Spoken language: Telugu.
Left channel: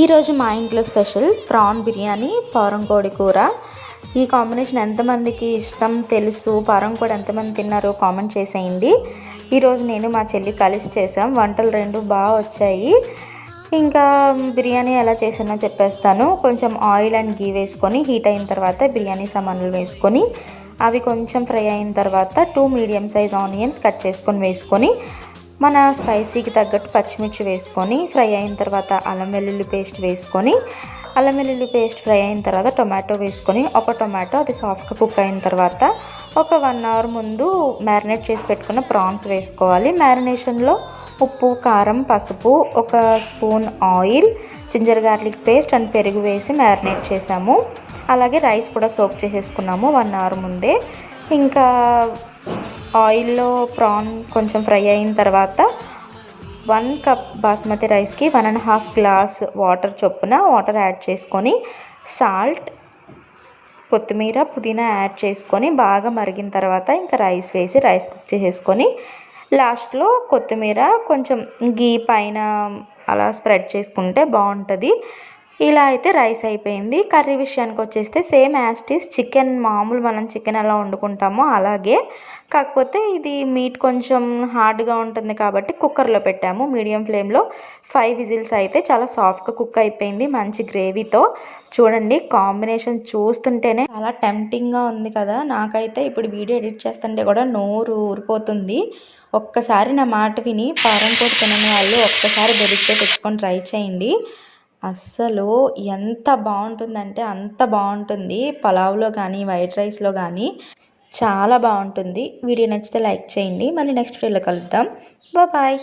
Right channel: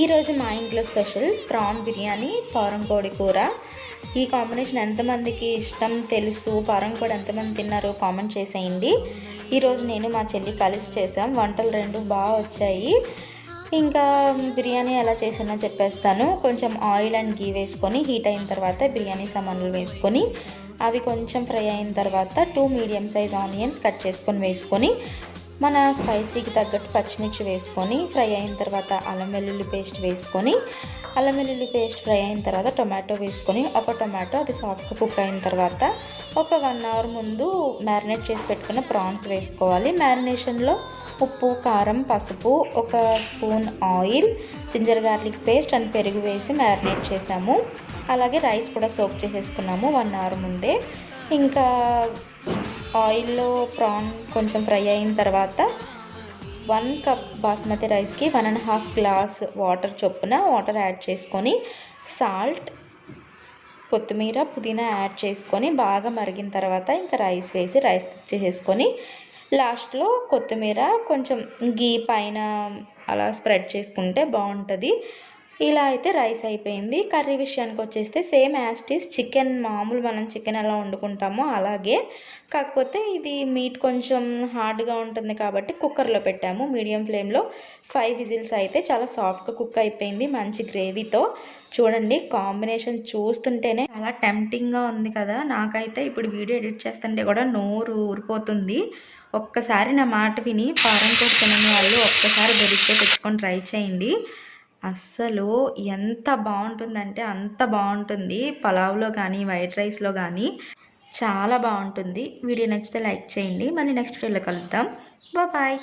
ఈరోజు మా ఇంట్లో స్పెషల్ ప్రాన్ బిర్యానీ, పారం కోడి కూర. ఈ కాంబినేషన్ ఎంతమందికి ఇష్టం తెలుసు, పారం కోడి ఎంతమంది తిన్నారో కామెంట్ చేసేయండి. ఈరోజు నేను మా చెల్లి కలిసి చేసాం. వంటలు రెండు బాగా వచ్చాయి. ఇంకా బిర్యానీ ఎలా చేసానో చెప్పేస్తాను. కొంచెం ఆయిల్ అండ్ గీ వేసుకొని హీట్ అయిన తర్వాత బిర్యానీ సామాన్లు వేసుకొని అవి కొంచెం ఫ్రై అయిన తర్వాత 2 మీడియం సైజ్ ఆనియన్స్ కట్ చేసుకొని వేసుకొని మన స్పైసీకి తగ్గట్టు పచ్చిమిర్చి వేసుకొని ఫ్రై అయిన తర్వాత అల్లం వెల్లుల్లి పేస్ట్ వేసుకొని అల్లం వెల్లుల్లి పేస్ట్ ఫ్రై అయిన తర్వాత టొమాటో వేసుకొని ఒక టొమాటో అది సాఫ్ట్గా కుక్ అయిన తర్వాత ఒక 1 అవర్ ముందు మ్యారినేట్ చేసి పెట్టుకున్న ప్రాన్స్ వేసుకోవాలి. మ్యారినేషన్లో ఉప్పు, కారం, పసుపు, ఒక spoon oil, ginger garlic paste and పెరుగు వేసి మ్యారినేట్ చేసాము. అలాగే రైస్ కూడా సోక్ చేసేసుకున్నాము 1 అవర్ ముందే. ఇంకా ఆయిల్లో ప్రాన్ కొంచెం ఫ్రై అయిన తర్వాత 1 కప్ బాస్మతి రైస్కి 1.5 గ్లాస్ వాటర్ చొప్పున వాటర్ యాడ్ చేసుకొని సాల్ట్, కొత్తిమీర, పుదీనా యాడ్ చేసుకొని బాగా మరిగిన తర్వాత ఇంకా రైస్ వేసి రైస్ కుక్ చేసేసుకొని లాస్ట్లో కొత్తిమీర కొంచెం గీ పైన అలా స్ప్రెడ్ చేసుకుంటే బాగుంటుంది. ఇలా అయితే రైస్ అయిపోయింది. కర్రీ విషయానికి వచ్చేస్తే same as it is chicken, మామూలు మనం చికెన్ ఎలా వండుకుంటామో అలాగే, కాకపోతే ఇది మీట్ కొంచెం హార్డ్గా ఉంటుంది కాబట్టి కుక్కర్లో పెట్టాము మీడియం ఫ్లేమ్లో. 5 విజిల్స్ అయితే చాలా సాఫ్ట్గా కుక్ అయిపోయింది మంచి గ్రేవీతో. చూడండి, కాంబినేషన్ చూస్తుంటేనే చాలా టెంప్టింగ్గా ఉంది కదా. నాకైతే ఇప్పుడు వీడియో ఎడిట్ చేస్తుంటే కూడా నోరు ఊరిపోతుంది. ఒక్కసారి నా మాట విని పారం కోడి తినని వాళ్ళు ఒక్కసారి దొరికితే తెచ్చుకొని ట్రై చేయండి. అస్సలు ఎంత బాగుంటుందంటే అంత బాగుంటుంది. పలావ్లో కానీ వైట్ రైస్లో కానీ చాలా బాగుంటుంది. వీడియో నచ్చితే లైక్ చేయండి. మళ్ళీ నెక్స్ట్ వీడియోలో కలుద్దాం. బాయ్.